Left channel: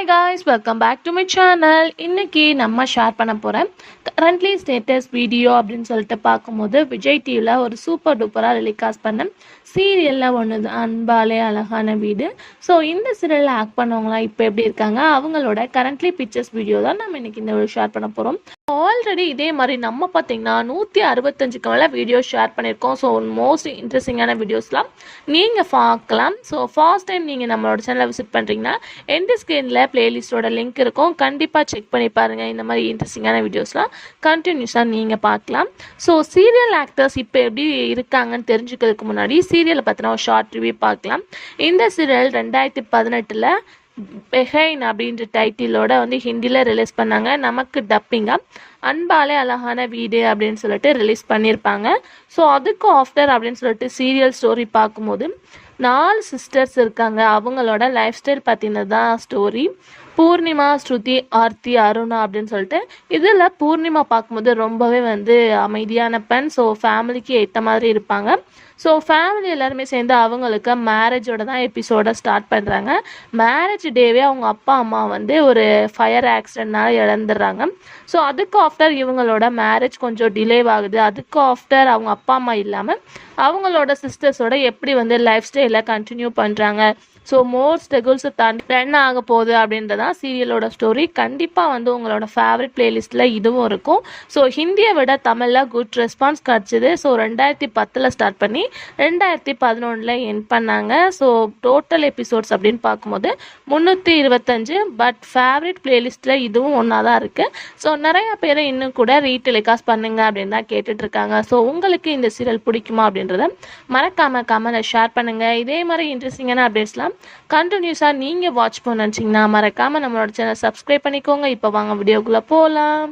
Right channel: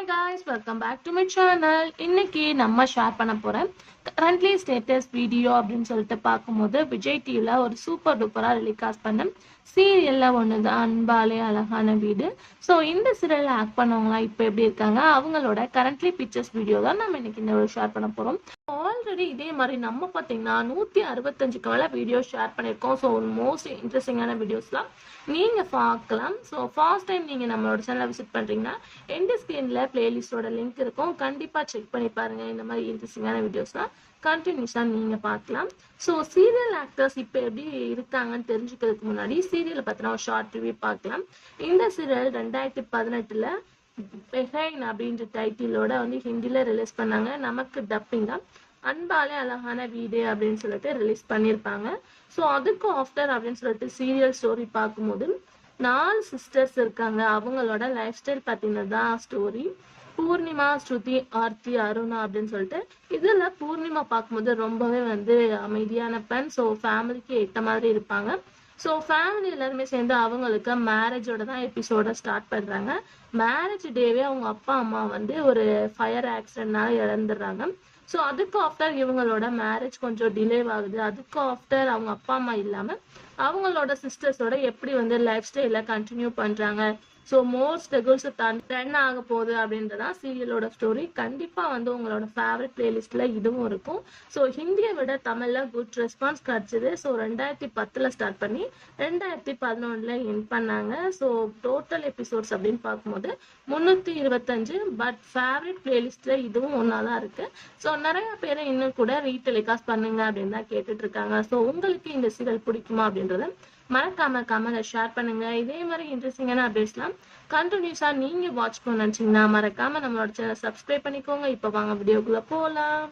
Hi guys, welcome back to my channel. இன்னைக்கு நம்ம share பண்ண போகிறேன் கரண்ட்லி ஸ்டேட்டஸ் வீடியோ அப்படின்னு சொல்லிட்டு பார்க்கும்போது விஜய் டிவியில் ஒரு சூப்பர் டூப்பராக டெலிகாஸ்ட் பண்ண சீரியலில் ஒன்று தான் அன்பாலே அழகான வீடு. ஸோ இந்த சீரியலில் ஆக்ட் பண்ணவங்களாம் இப்போ எப்படி இருக்காங்க, அவங்களோட கரண்ட்லி பிக்சர்ஸ் வீடியோ தான் நம்ம இன்னைக்கு இந்த ஷேர் பண்ண போகிறோம். ஆல்ரெடி இதே மாதிரி நம்ம பார்த்தீங்கன்னா 165க்கு மேலே வீடியோ ஷேர் பண்ணியிருக்கோம். ஸோ மோஸ்ட் இன்ட்ரெஸ்டிங்கான வீடியோஸ்லாம் நீங்கள் பார்க்கலாம். ஸோ ஃபர்ஸ்ட் டைம் நீங்கள் நம்மளோட சேனலை விசிட் பண்ணுறீங்கன்னா எண்ட் ஸ்க்ரீனில் பிளேலிஸ்ட்டோட லிங்க் இருக்கும், கண்டிப்பாக செக் பண்ணி பாருங்கள். இந்த மாதிரி இன்ட்ரெஸ்டிங்கான வீடியோஸ்லாம் கண்டினியூஸாக நீங்கள் பார்க்கலாம். ஸோ சீரியல் ஆக்டர்ஸ் இப்போ எப்படி இருக்காங்கன்னு தெரிஞ்சுக்கிறதுக்கு முன்னாடி சீரியலை பற்றின ஒரு ஷார்ட் ரிவ்யூ பார்க்கலாம். இந்த சீரியல் 2018 பெஹைன் அப்படின்ற டைட்டிலோட ஹிந்தியில் ரிலீஸ் பண்ணாங்க. நமக்கு டப்பிங்காக அன்பாலே அழகான வீடு அப்படின்னு சொல்லிட்டு ரிலீஸ் பண்ணியிருப்பாங்க. ஸோ அதுக்கு ஆஃப்டர் அப்படின்னு சொல்லிட்டு சீரியல் ஸ்டோரி பார்க்கும்போது 4 சிஸ்டர்ஸ் இருக்காங்க. அவங்களோட லைஃப் ஸ்டைல் பற்றினது தான் ஸ்டோரி. பூர்ணிமா, ஸ்ருதி, ஆர்த்தி, அருணா அப்படின்னு சொல்லிட்டு இதில் பூர்ணிமா பார்க்கும்போது ரொம்பவே அமைதியான பெண். ஸோ ஃபேமிலிக்கு ஏற்ற மாதிரி இருப்பாங்க. ஸோ ஃபேமிலி எல்லாருமே சேர்ந்து அவங்களுக்கு மேரேஜோட தான் எபிசோட ஸ்டார்ட் பண்ணுறாங்க. மேரேஜ் டேவே அவங்க அப்பா அம்மா ஒரு ஃபயர் ஆக்சிடென்ட்னால இழந்துடுறாங்க. ஸோ அதுக்கு ஆஃப்டர் இவங்களோட மேரேஜ் கொஞ்சம் டிலே ஆகுது. அதுக்கு ஆஃப்டர் அவங்க அப்பா அம்மா இல்லாமல் அவங்களோட சிஸ்டர்ஸோட எப்படி லைஃப் ஸ்டைலை கண்டினியூ பண்ணுறாங்க. ஸோ மோர் ஸ்ட்ரகிள்ஸை தாண்டி ரன் ஆக போகுது அப்படின்றதான் சீரியலோட ஸ்டோரி. கண்டிப்பாக உங்களோட ஃபேவரட் பிளேலிஸ்ட்டில் இதுவும் இருக்கும். ஸோ ஹிந்தியை விட தமிழில் குட் ரெஸ்பான்ஸ் கிடச்சிது. ஸோ 2010 ஸ்டார்ட் பண்ணி 2011 எண்ட் பண்ணாங்க. ஸோ டோட்டல் எபிசோட்ஸ் அப்படின்னு பார்க்கும்போது 325. பட் ஃபேவரட் பிளேலிஸ்ட்டில் இதுவும் ஒன்றா தான் இருக்குது. ஸோ நிறையா பேரை இன்னும் கூட ரீடெலிகாஸ்ட் பண்ணுங்க அப்படின்னு தான் கேட்டுட்ருக்காங்க. ஸோ உங்களுக்கு இந்த சீரியல் பிடிக்குமா அப்படின்றத மறக்காமல் கமெண்ட்ல ஷேர் பண்ணுங்கள். இதே மாதிரி இன்ட்ரெஸ்டிங்கான அப்டேட்ஸ்லாம் கண்டினியூஸாக நீங்கள் வாட்ச் பண்ண நினச்சிங்கன்னா மறக்காமல் நம்மளோட சேனல் சப்ஸ்கிரைப் பண்ணிக்கோங்க. இப்போ வாங்க வீடியோக்குள்ளே போகலாம்.